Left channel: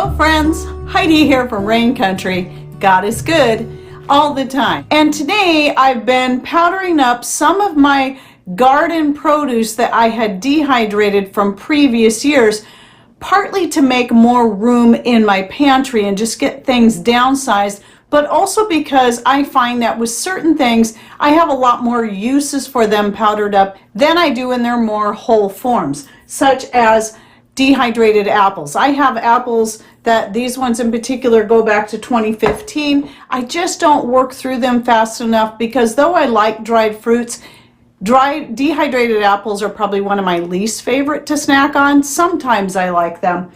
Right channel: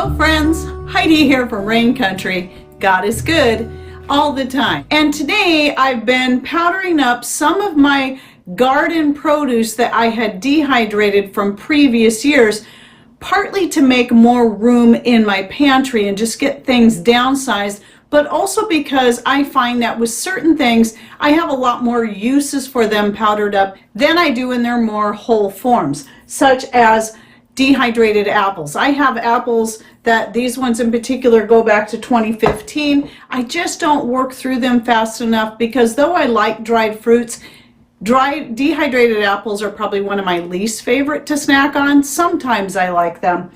Hello friends, Heidi here from Rain Country. God is good all the time. And today I've been powdering up some of my garden produce that I had dehydrated from previous years, partly to make more room in my pantry and just get things downsized, but also because I find that with certain things I have a lot more uses for them powdered up than I do in their more whole forms, such as dehydrated apples. I have apples that, these ones in particular, go back to 2015. I just don't work through them fast enough because though I like dried fruits, dehydrated apples are probably one of my least favorite to snack on. Sometimes I like them,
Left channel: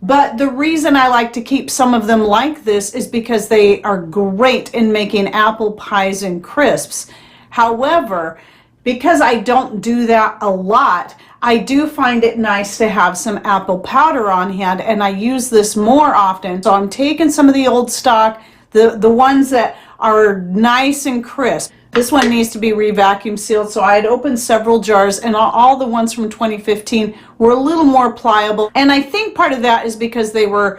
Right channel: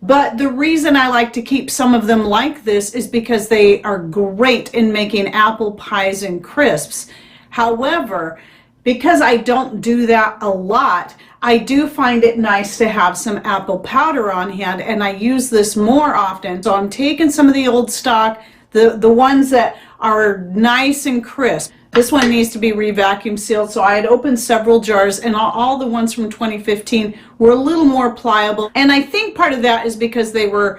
but the reason I like to keep some of them like this is because they are great in making apple pies and crisps. However, because I don't do that a lot, I do find it nice to have some apple powder on hand, and I use this more often. So I'm taking some of the old stock, the ones that are nice and crisp. This one needs to be re-vacuum sealed, so I had opened several jars, and all the ones from 2015 were a little more pliable. And I think part of that is because they were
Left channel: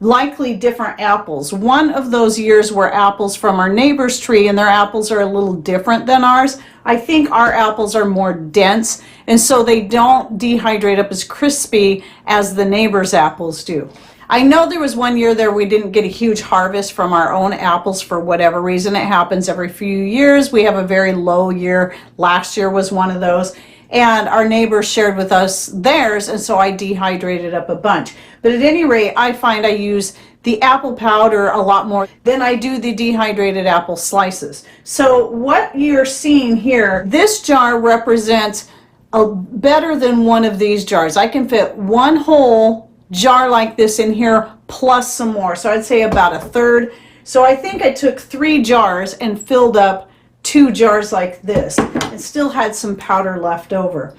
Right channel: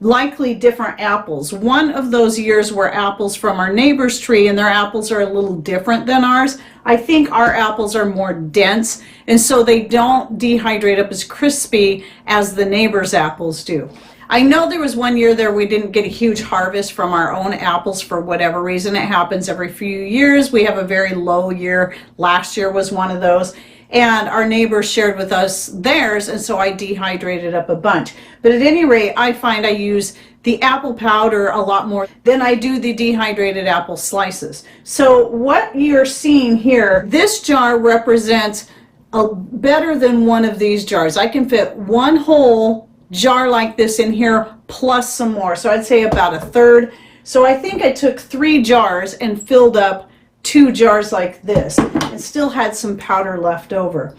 likely different apples. One of those years were apples from our neighbor's tree, and their apples are a little different than ours. I think our apples are more dense, and so they don't dehydrate up as crispy as the neighbor's apples do. I know there was one year there we didn't get a huge harvest from our own apples for whatever reason. It happens every few years. We have a very low year. Last year was one of those, and our neighbors shared with us theirs, and so I dehydrated up a bunch. But at any rate, I find I use the apple powder a lot more than I do the dehydrated apple slices. So what you're seeing here, this jar represents better than one of these jars. I can fit one whole jar like this in here plus some more, so I'd say about a third. So I think I took 3 jars and filled up 2 jars like this and still had some powder left over.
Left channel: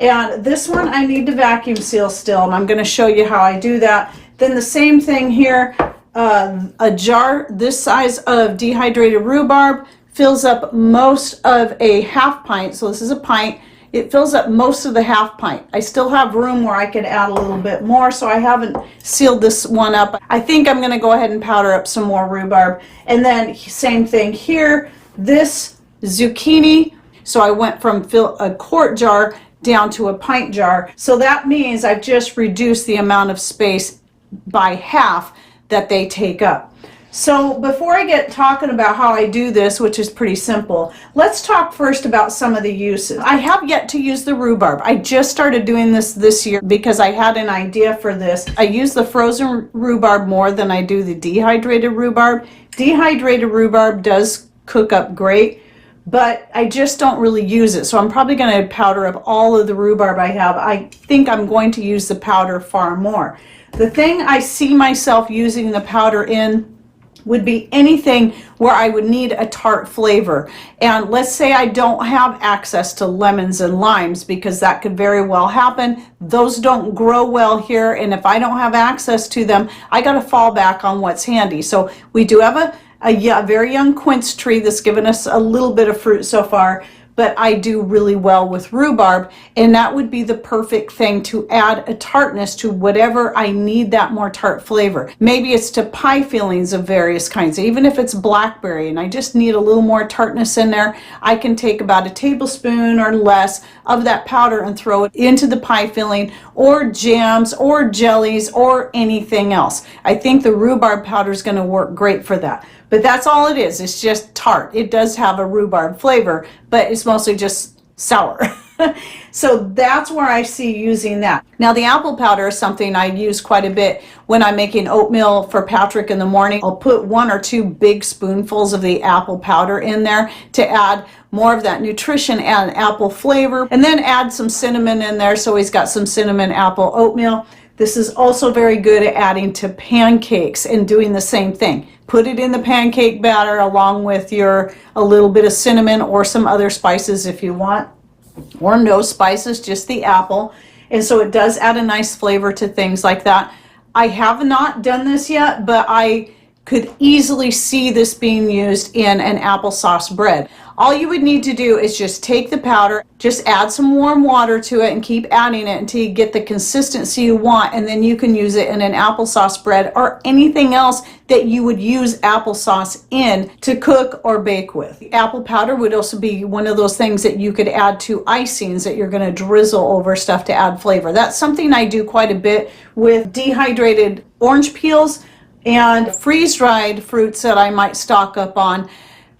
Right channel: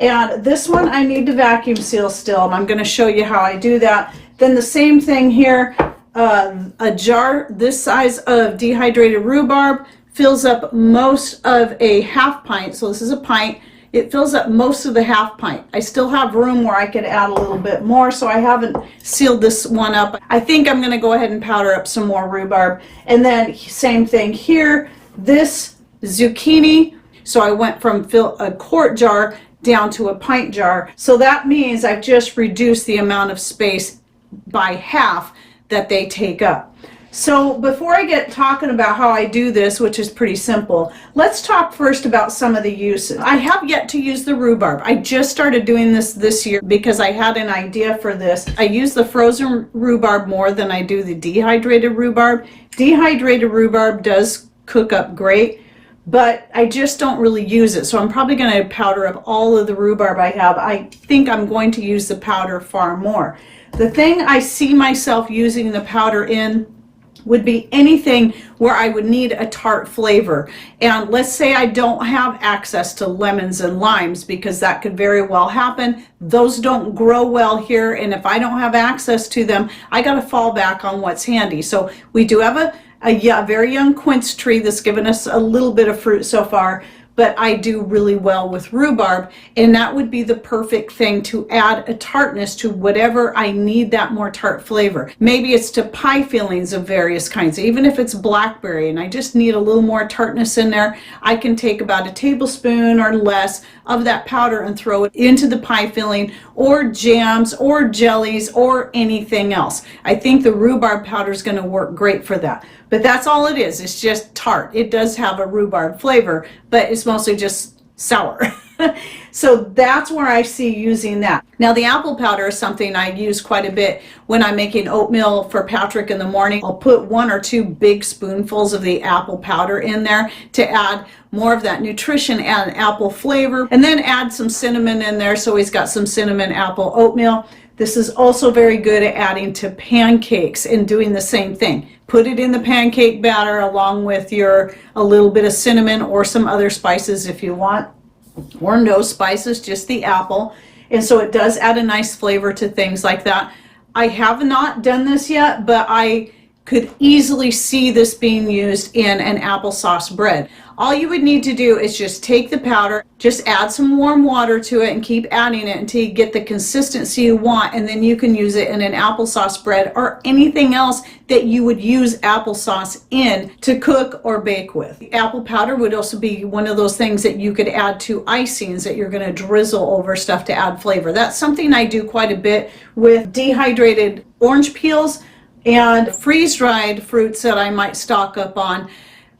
And this one I need to vacuum seal still, and I'm going to show you how I do that. Then the same thing here, a jar this size of dehydrated rhubarb fills up most of a half pint. So this is a pint. It fills up most of the half pint. I still have room where I could add a little bit more, so I haven't sealed this one up. I think I'm going to go ahead and powder up some more rhubarb. And then same thing here, this zucchini. So I went from a quart jar down to a pint jar. So that means I've just reduced the amount of space by half that they take up. So before I get talking about how I do this, which is pretty simple, let's talk first about some of the uses. I have yet to use the rhubarb. I just started doing this year because I had an idea for this. I use the frozen rhubarb more than I do the dehydrated rhubarb. Dehydrated rhubarb does cook up great, but I just don't really use it. So I'm probably going to powder up all of the rhubarb I have. I think I'm going to use the powder far more. The thing I see myself using the powder in would be anything where I would need a tart flavor. And let's say I don't have access to lemons and limes, because that could very well happen. Those don't grow well here, and if I don't have access to them, I got to fall back on what's handy. So we do have a very young quince tree that's given us a little bit of fruit so far, but I do really well with rhubarb, and that would be the perfect thing to add a tartness to whatever I need that more tart flavor. Maybe it's to pie fillings of various kinds, even if it's blackberry and I just need a little more tartness in there. I can take about a tablespoon or less of that powder and throw it into the pie filling, or jams or jellies or anything else. I think the rhubarb powder is going to work great for that. But that's all it is. It's just tart. It does have a rhubarb flavor, but it's mostly just sour. So that's where I see using that. Now the apple powder is something I use quite a bit when I'm making oatmeal for Patrick in the morning. I'll put 1 or 2 big spoonfuls of the apple powder in there to add more of that nutrition and apple flavor, and then add some cinnamon in there so he's got some cinnamon apple oatmeal. This is also very good at adding to pancakes and doing the same thing. Put it in the pancake batter along with a little bit of cinnamon or some other spices if you want, or no spices, just the apple. And so it does add a nice flavor to things like that. I have not done this yet, but I could easily see this being used in an applesauce bread. All you would need to do is just take the powder, just add some warm water to it and keep adding it until you get the consistency you want, and then you can use it in an applesauce bread or anything else that you would use applesauce in to cook or bake with. Apple powder would also be one of those things that you could add to icings that you're going to drizzle over stuff to add flavor. That's something I do quite a bit with dehydrated orange peels and freeze-dried fruits that I might stock up on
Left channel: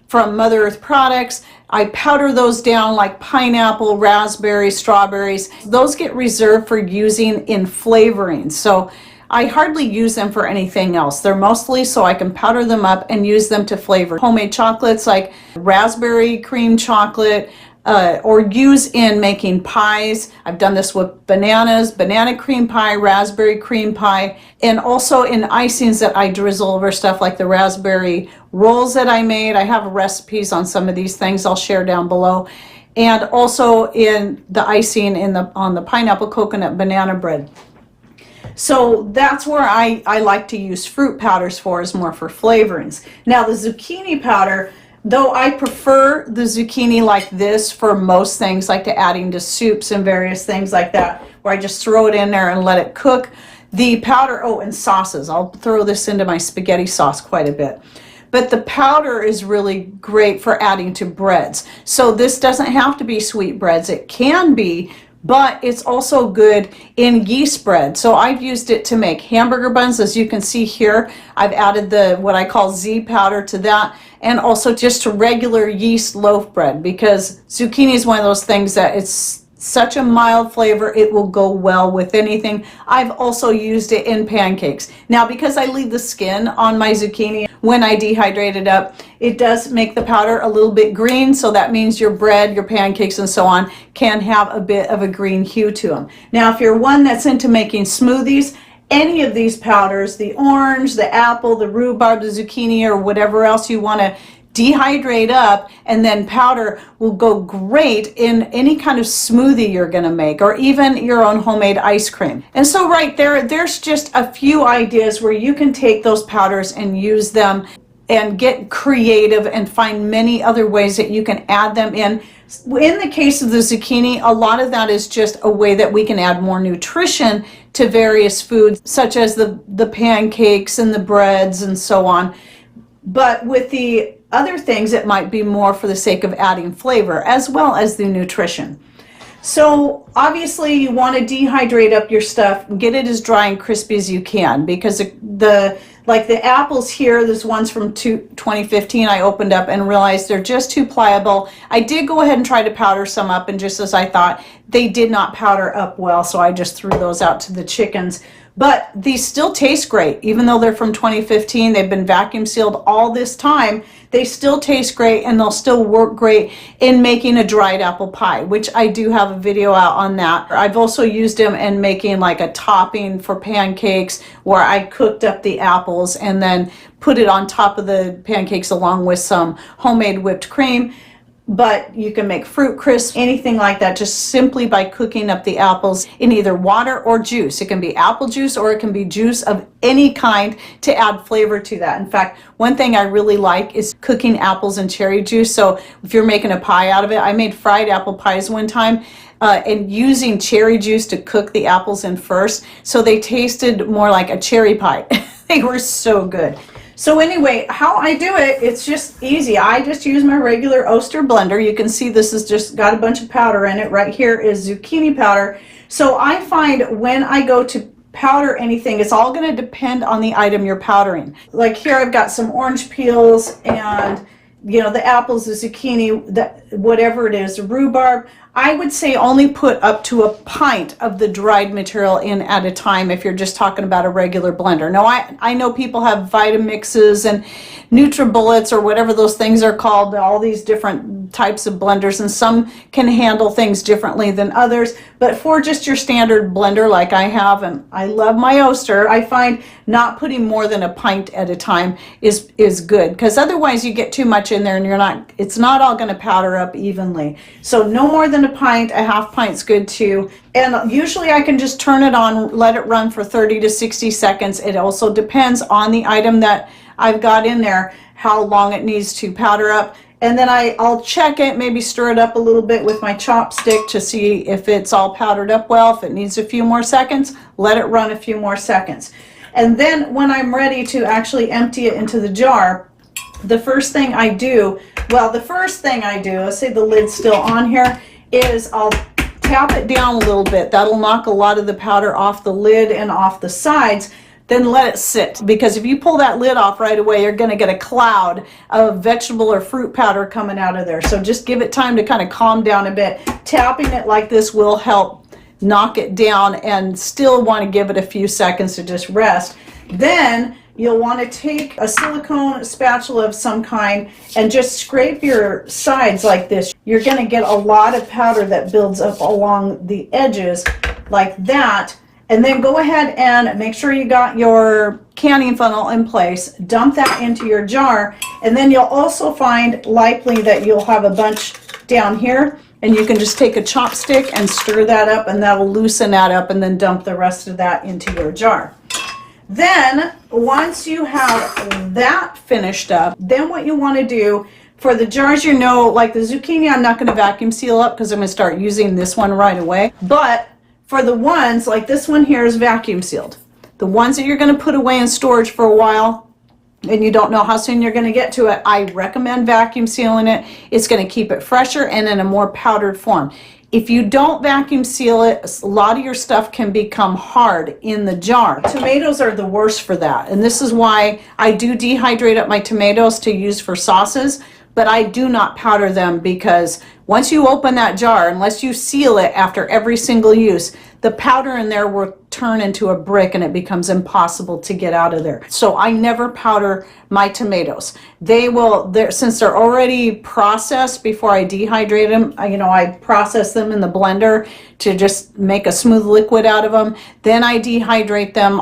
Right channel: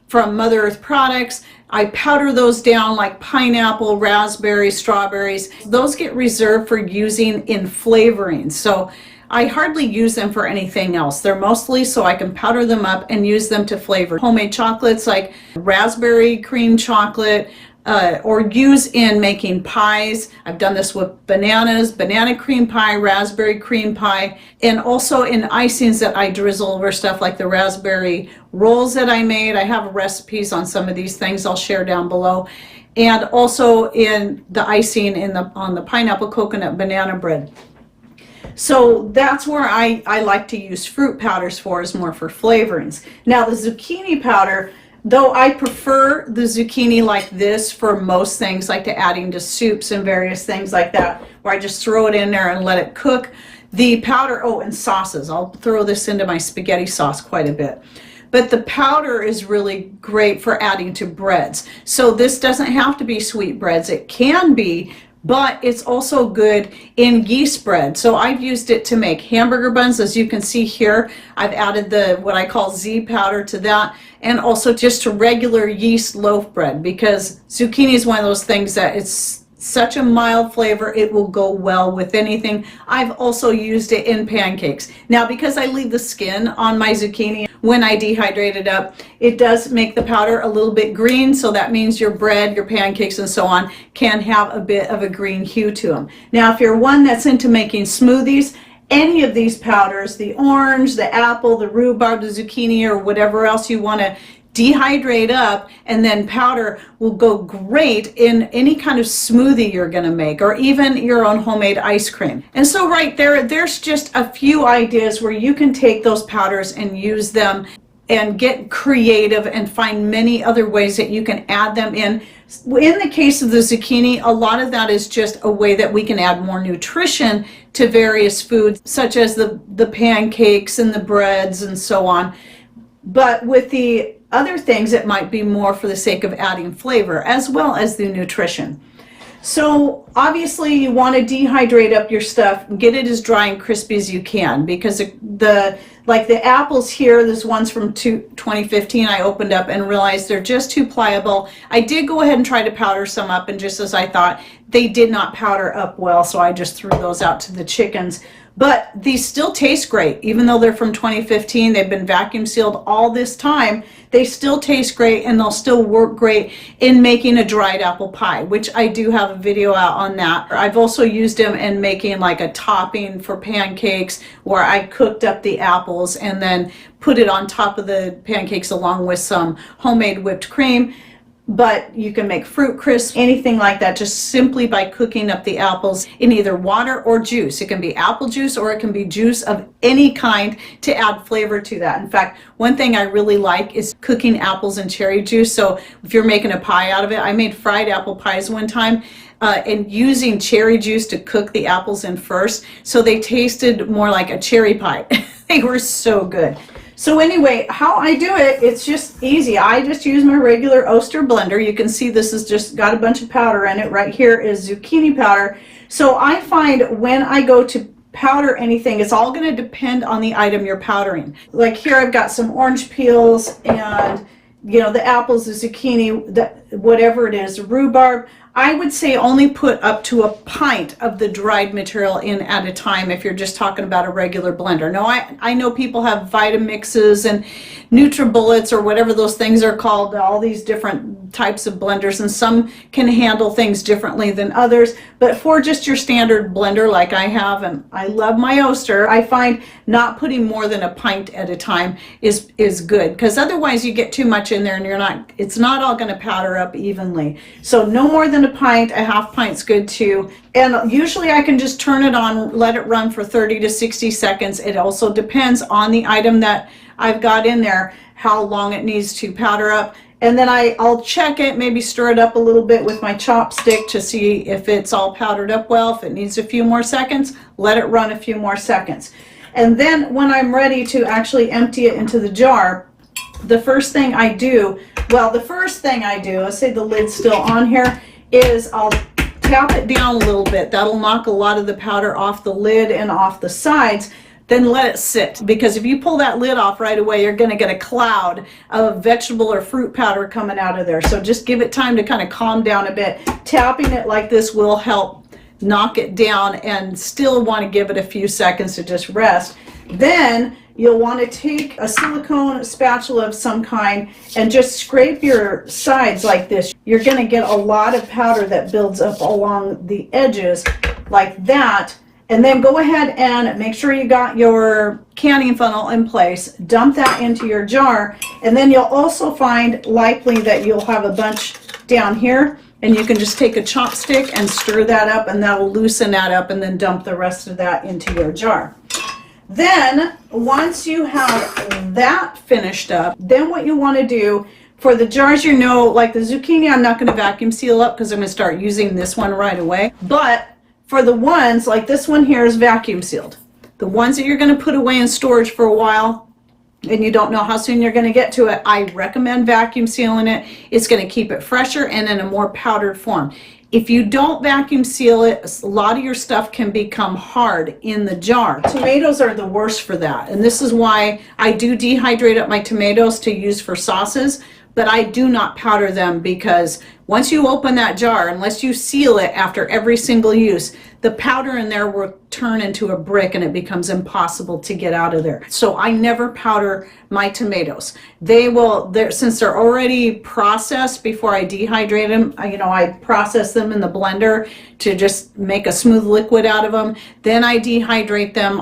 from Mother Earth products. I powder those down like pineapple, raspberries, strawberries. Those get reserved for using in flavoring. So I hardly use them for anything else. They're mostly so I can powder them up and use them to flavor homemade chocolates like raspberry cream chocolate, or use in making pies. I've done this with bananas, banana cream pie, raspberry cream pie, and also in icings that I drizzle over stuff like the raspberry rolls that I made. I have recipes on some of these things I'll share down below. And also in the icing on the pineapple coconut banana bread. So that's where I like to use fruit powders for, is more for flavorings. Now the zucchini powder, though I prefer the zucchini like this for most things, like to adding to soups and various things like that, where I just throw it in there and let it cook. The powder, oh, and sauces. I'll throw this into my spaghetti sauce quite a bit. But the powder is really great for adding to breads. So this doesn't have to be sweet breads. It can be, but it's also good in yeast bread. So I've used it to make hamburger buns. As you can see here, I've added the what I call Z powder to that, and also just to regular yeast loaf bread, because zucchini is one of those things that it's such a mild flavor, it will go well with anything. I've also used it in pancakes. Now, because I leave the skin on my zucchini when I dehydrate it up, it does make the powder a little bit green, so that means your bread, your pancakes, and so on can have a bit of a green hue to them. Now, if you're one that's into making smoothies, any of these powders, the orange, the apple, the rhubarb, the zucchini, or whatever else you want to dehydrate up and then powder, will go great in any kind of smoothie you're going to make, or even your own homemade ice cream. And so right there's just a few ideas where you can take those powders and use them and get creative and find many other ways that you can add them in. In the case of the zucchini, a lot of that is just a way that we can add more nutrition to various foods, such as the pancakes and the breads and so on. But with the other things, it might be more for the sake of adding flavor as well as the nutrition. So obviously you want to dehydrate up your stuff and get it as dry and crispy as you can, because like the apples here, this one's from 2015, I opened up and realized they're just too pliable. I did go ahead and try to powder some up, and just as I thought, they did not powder up well, so I just threw those out to the chickens. But these still taste great, even though they're from 2015. They've been vacuum sealed all this time. They still taste great, and they'll still work great in making a dried apple pie, which I do have a video out on that. I've also used them in making like a topping for pancakes, where I cooked up the apples and then put it on top of the pancakes along with some homemade whipped cream. But you can make fruit crisps, anything like that, just simply by cooking up the apples in either water or juice. It can be apple juice, or it can be juice of any kind to add flavor to that. In fact, one thing I really like is cooking apples in cherry juice. So if you're making a pie out of it, I made fried apple pies one time, and using cherry juice to cook the apples in first, so they tasted more like a cherry pie. They were so good. So anyway, how I do it, it's just easy. I just use my regular Oster blender. You can see this has just got a bunch of powder in it. Right here is zucchini powder. So I find when I go to powder anything, it's all going to depend on the item you're powdering. Like here I've got some orange peels and, you know, the apples, the zucchini, whatever it is, rhubarb. I would say only put up to a pint of the dried material in at a time if you're just talking about a regular blender. Now, I know people have Vitamixes and NutriBullets or whatever those things are called, all these different types of blenders, and some can handle things differently than others. But for just your standard blender like I have, and I love my Oster, I find not putting more than a pint at a time is good, because otherwise you get too much in there and it's not all going to powder up evenly. So no more than a pint. A half pint's good too. And usually I can just turn it on, let it run for 30 to 60 seconds. It also depends on the item that I've got in there, how long it needs to powder up. And then I'll check it, maybe stir it up a little bit with my chopstick to see if it's all powdered up well. If it needs a few more seconds, let it run a few more seconds. And then when I'm ready to actually empty it into the jar, the first thing I do, let's say the lid's still on here, is I'll tap it down a little bit. That'll knock a lot of the powder off the lid and off the sides. Then let it sit, because if you pull that lid off right away, you're going to get a cloud of vegetable or fruit powder coming out of there. So just give it time to kind of calm down a bit. Tapping it like this will help knock it down, and still want to give it a few seconds to just rest. Then you'll want to take a silicone spatula of some kind and just scrape your sides like this. You're going to get a lot of powder that builds up along the edges like that. And then go ahead and make sure you got your canning funnel in place. Dump that into your jar, and then you'll also find likely that you'll have a bunch down here, and you can just take a chopstick and stir that up, and that'll loosen that up, and then dump the rest of that into your jar. Then once you have that finished up, then what you want to do for the jars, like the zucchini, I'm not going to vacuum seal up because I'm going to start using this one right away. But for the ones like this one here is vacuum sealed. The ones that you're going to put away in storage for a while and you don't know how soon you're going to get to it, I recommend vacuum sealing it. It's going to keep it fresher and in a more powdered form. If you don't vacuum seal it, a lot of your stuff can become hard in the jar. Tomatoes are the worst for that, and this is why I do dehydrate up my tomatoes to use for sauces, but I do not powder them, because once you open that jar, unless you seal it after every single use, the powder in there will turn into a brick and it becomes impossible to get out of there. So I never powder my tomatoes. Since they're already processed before I dehydrate them, I process them in the blender to just make a smooth liquid out of them. Then I dehydrate them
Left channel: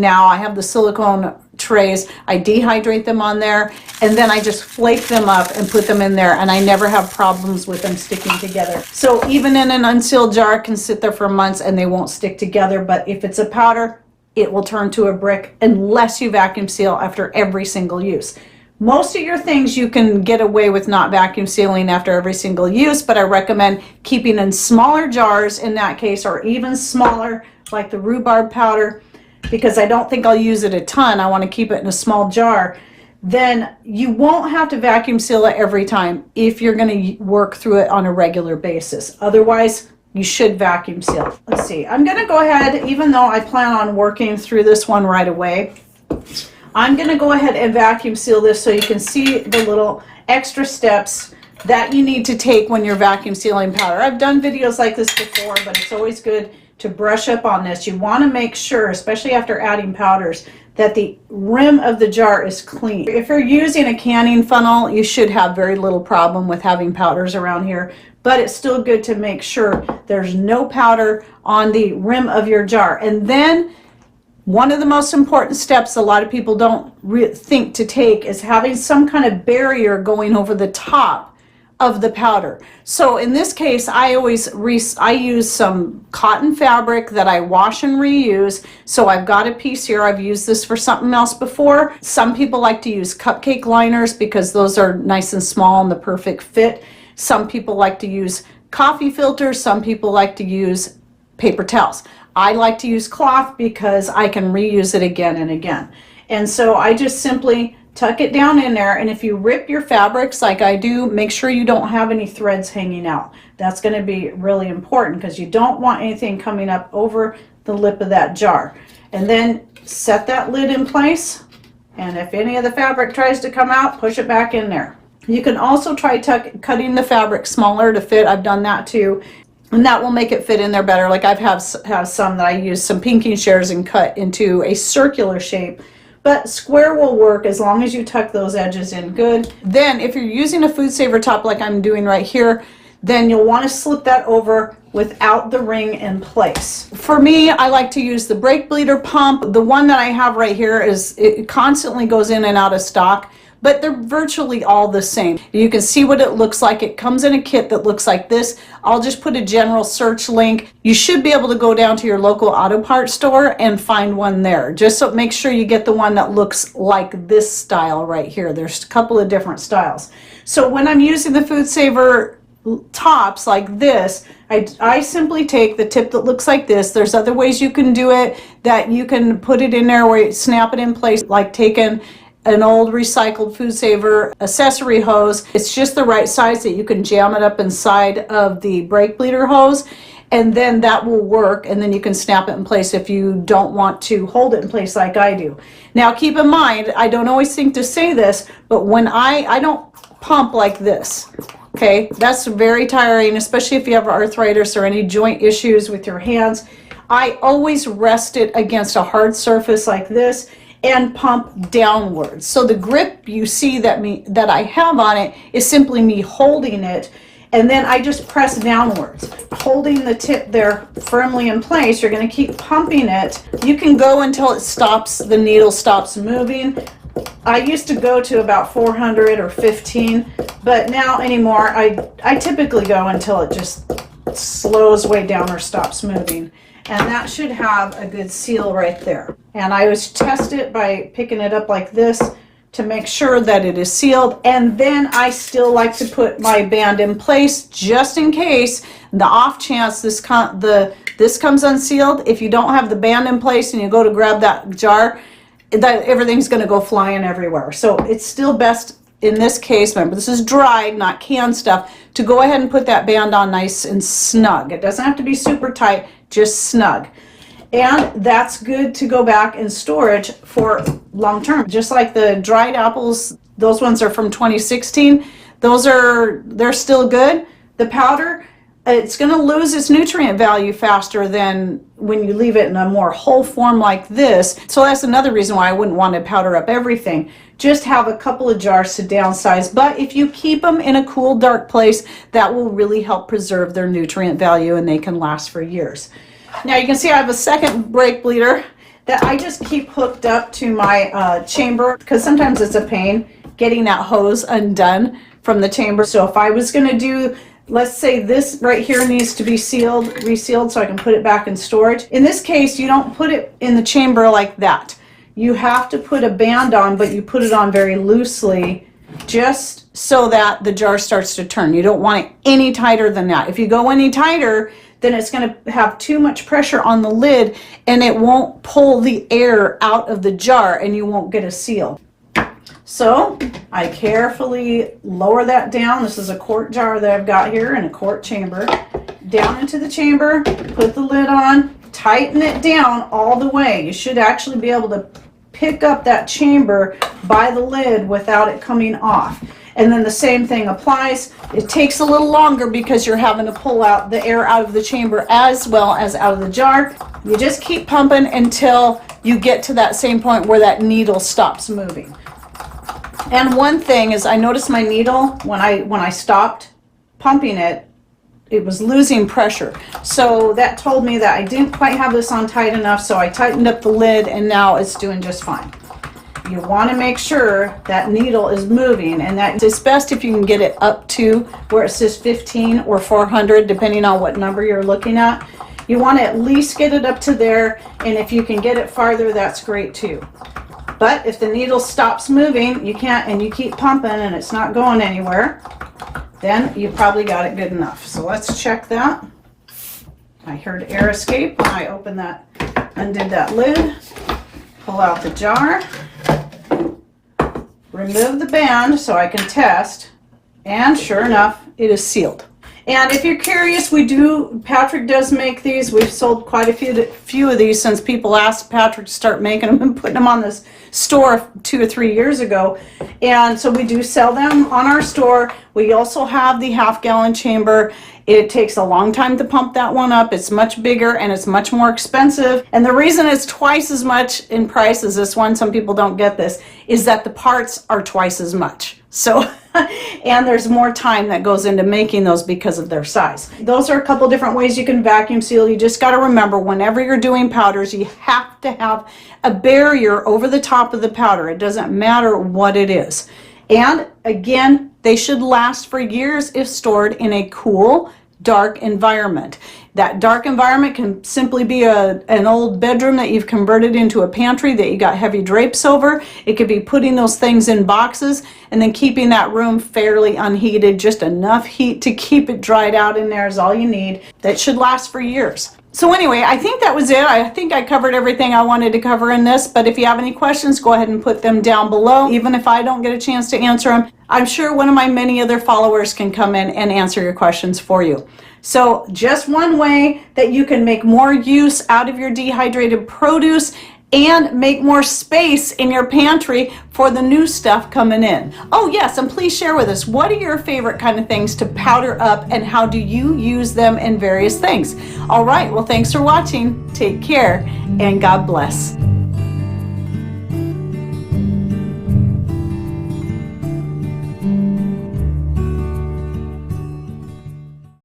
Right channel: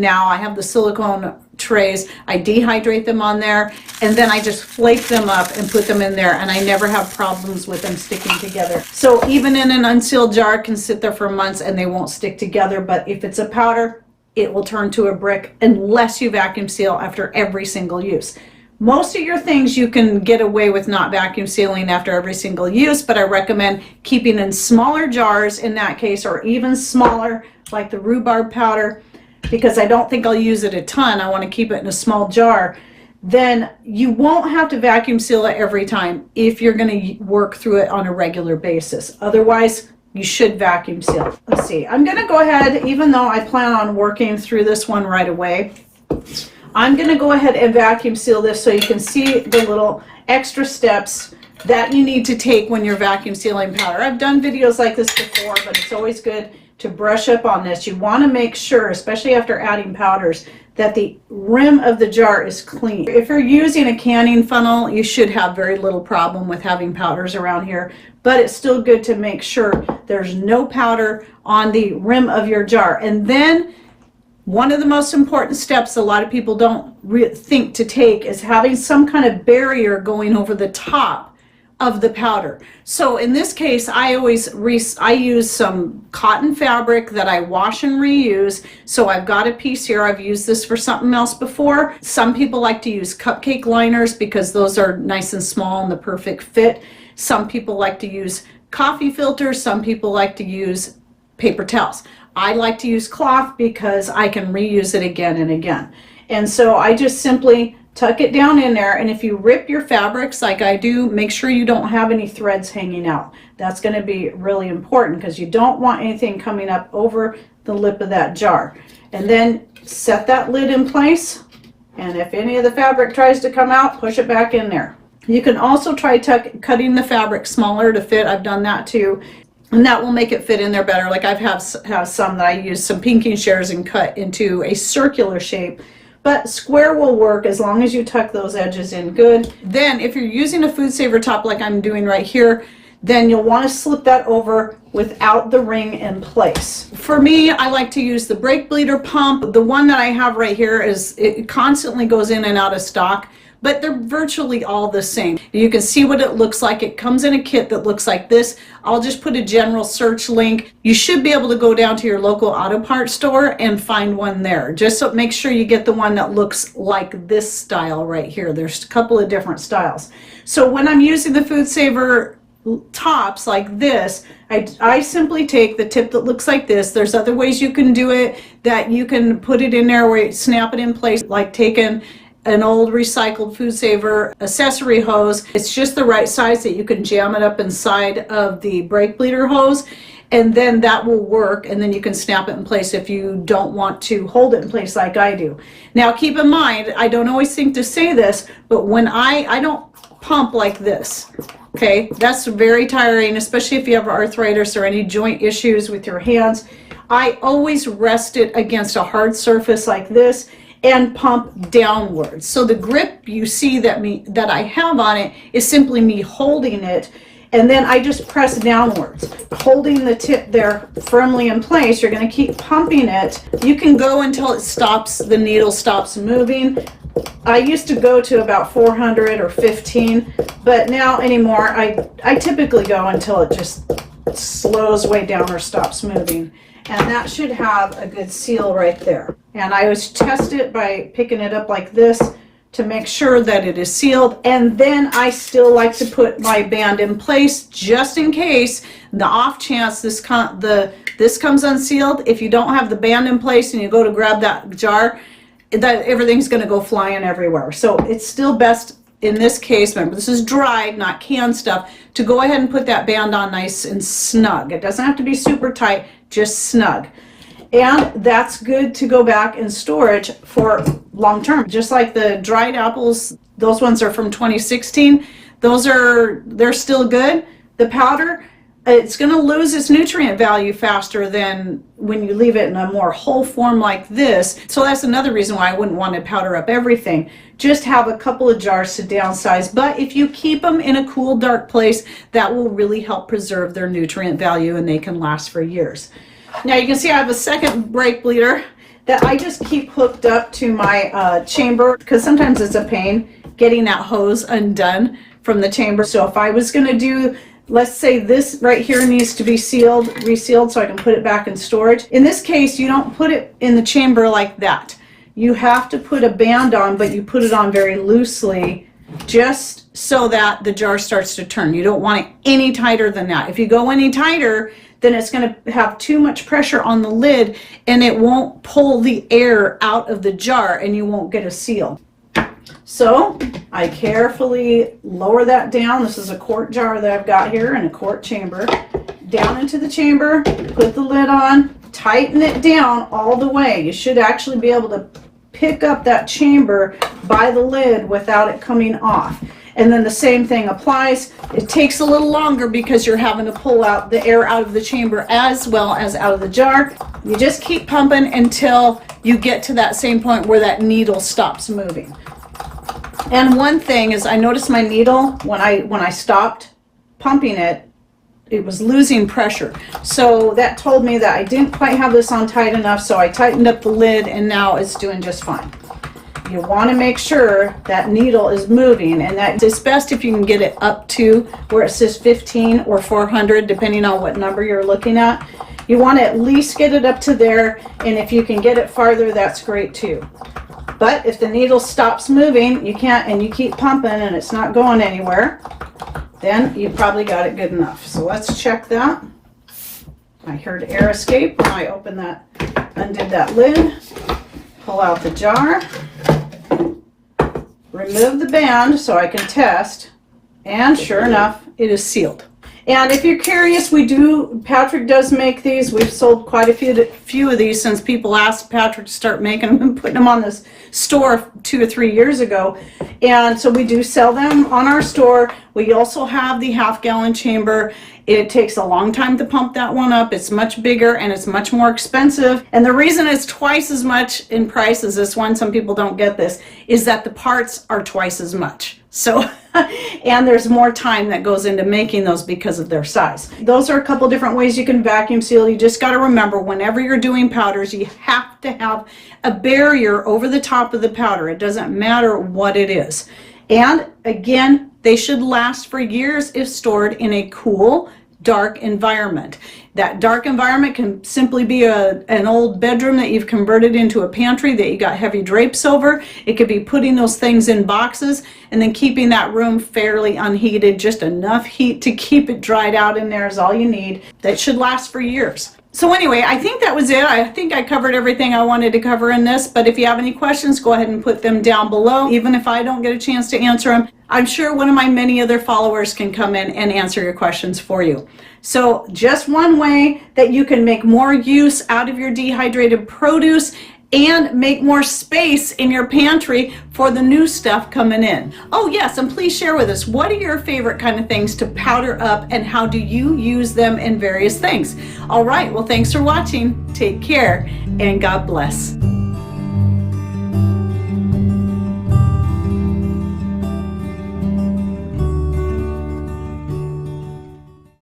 now I have the silicone trays. I dehydrate them on there, and then I just flake them up and put them in there, and I never have problems with them sticking together. So even in an unsealed jar, can sit there for months and they won't stick together. But if it's a powder, it will turn to a brick unless you vacuum seal after every single use. Most of your things you can get away with not vacuum sealing after every single use, but I recommend keeping in smaller jars in that case, or even smaller, like the rhubarb powder, because I don't think I'll use it a ton. I want to keep it in a small jar. Then you won't have to vacuum seal it every time if you're going to work through it on a regular basis. Otherwise, you should vacuum seal. Let's see. I'm going to go ahead, even though I plan on working through this one right away, I'm going to go ahead and vacuum seal this so you can see the little extra steps that you need to take when you're vacuum sealing powder. I've done videos like this before, but it's always good to brush up on this. You want to make sure, especially after adding powders, that the rim of the jar is clean. If you're using a canning funnel, you should have very little problem with having powders around here, but it's still good to make sure there's no powder on the rim of your jar. And then one of the most important steps a lot of people don't think to take is having some kind of barrier going over the top of the powder. So in this case, I use some cotton fabric that I wash and reuse. So I've got a piece here. I've used this for something else before. Some people like to use cupcake liners because those are nice and small and the perfect fit. Some people like to use coffee filters. Some people like to use paper towels. I like to use cloth because I can reuse it again and again. And so I just simply tuck it down in there, and if you rip your fabrics like I do, make sure you don't have any threads hanging out. That's going to be really important because you don't want anything coming up over the lip of that jar. And then set that lid in place, and if any of the fabric tries to come out, push it back in there. You can also try cutting the fabric smaller to fit. I've done that too, and that will make it fit in there better. Like I've have some that I use some pinking shears and cut into a circular shape. But square will work as long as you tuck those edges in good. Then if you're using a food saver top like I'm doing right here, then you'll want to slip that over without the ring in place. For me, I like to use the brake bleeder pump. The one that I have right here it constantly goes in and out of stock, but they're virtually all the same. You can see what it looks like. It comes in a kit that looks like this. I'll just put a general search link. You should be able to go down to your local auto parts store and find one there. Just so make sure you get the one that looks like this style right here. There's a couple of different styles. So when I'm using the Food Saver tops like this, I simply take the tip that looks like this. There's other ways you can do it, that you can put it in there where you snap it in place, like taking an old recycled Food Saver accessory hose. It's just the right size that you can jam it up inside of the brake bleeder hose, and then that will work, and then you can snap it in place if you don't want to hold it in place like I do. Now keep in mind, I don't always think to say this, but when I don't pump like this. Okay, that's very tiring, especially if you have arthritis or any joint issues with your hands. I always rest it against a hard surface like this and pump downwards. So the grip you see that I have on it is simply me holding it, and then I just press downwards, holding the tip there firmly in place. You're going to keep pumping it. You can go until it stops, the needle stops moving. I used to go to about 400 or 15, but now anymore I typically go until it just slows way down or stops moving, and that should have a good seal right there. And I always test it by picking it up like this to make sure that it is sealed, and then I still like to put my band in place just in case, the off chance this comes unsealed. If you don't have the band in place and you go to grab that jar, that everything's going to go flying everywhere. So it's still best in this case, remember this is dried, not canned stuff, to go ahead and put that band on nice and snug. It doesn't have to be super tight, just snug. And that's good to go back in storage for long term. Just like the dried apples, those ones are from 2016. They're still good. The powder, it's going to lose its nutrient value faster than when you leave it in a more whole form like this. So that's another reason why I wouldn't want to powder up everything. Just have a couple of jars to downsize. But if you keep them in a cool, dark place, that will really help preserve their nutrient value, and they can last for years. Now you can see I have a second brake bleeder that I just keep hooked up to my chamber, because sometimes it's a pain getting that hose undone from the chamber. So if I was going to do, let's say this right here needs to be resealed so I can put it back in storage. In this case, you don't put it in the chamber like that. You have to put a band on, but you put it on very loosely just so that the jar starts to turn. You don't want it any tighter than that. If you go any tighter, then it's going to have too much pressure on the lid and it won't pull the air out of the jar and you won't get a seal. So I carefully lower that down. This is a quart jar that I've got here in a quart chamber. Down into the chamber, put the lid on, tighten it down all the way. You should actually be able to pick up that chamber by the lid without it coming off. And then the same thing applies. It takes a little longer because you're having to pull out the air out of the chamber as well as out of the jar. You just keep pumping until you get to that same point where that needle stops moving. And one thing is, I noticed my needle, when I stopped pumping it, it was losing pressure. So that told me that I didn't quite have this on tight enough, so I tightened up the lid and now it's doing just fine. You want to make sure that needle is moving, and that is best if you can get it up to where it says 15 or 400, depending on what number you're looking at. You want to at least get it up to there, and if you can get it farther, that's great too. But if the needle stops moving, you can't, and you keep pumping and it's not going anywhere, then you probably got it good enough. So let's check that. I heard air escape when I opened that, undid that lid. Pull out the jar, remove the band so I can test, and sure enough, it is sealed. And if you're curious, Patrick does make these. We've sold quite a few of these since people asked Patrick to start making them and putting them on this store 2 or 3 years ago. And so we do sell them on our store. We also have the half-gallon chamber. It takes a long time to pump that one up. It's much bigger and it's much more expensive. And the reason it's twice as much in price as this one, some people don't get this, is that the parts are twice as much. So, and there's more time that goes into making those because of their size. Those are a couple different ways you can vacuum seal. You just got to remember, whenever you're doing powders, you have to have a barrier over the top of the powder. It doesn't matter what it is. And again, they should last for years if stored in a cool, dark environment. That dark environment can simply be an old bedroom that you've converted into a pantry that you got heavy drapes over. It could be putting those things in boxes and then keeping that room fairly unheated. Just enough heat to keep it dried out in there is all you need. That should last for years. So anyway, I think that was it. I think I covered everything I wanted to cover in this, but if you have any questions, go ahead and put them down below. Even if I don't get a chance to answer them, I'm sure one of my many other followers can come in and answer your questions for you. So just one way that you can make more use out of your dehydrated produce and make more space in your pantry for the new stuff coming in. Oh yes, and please share with us, what are your favorite kind of things to powder up and how do you use them in various things? All right, well, thanks for watching. Take care and God bless.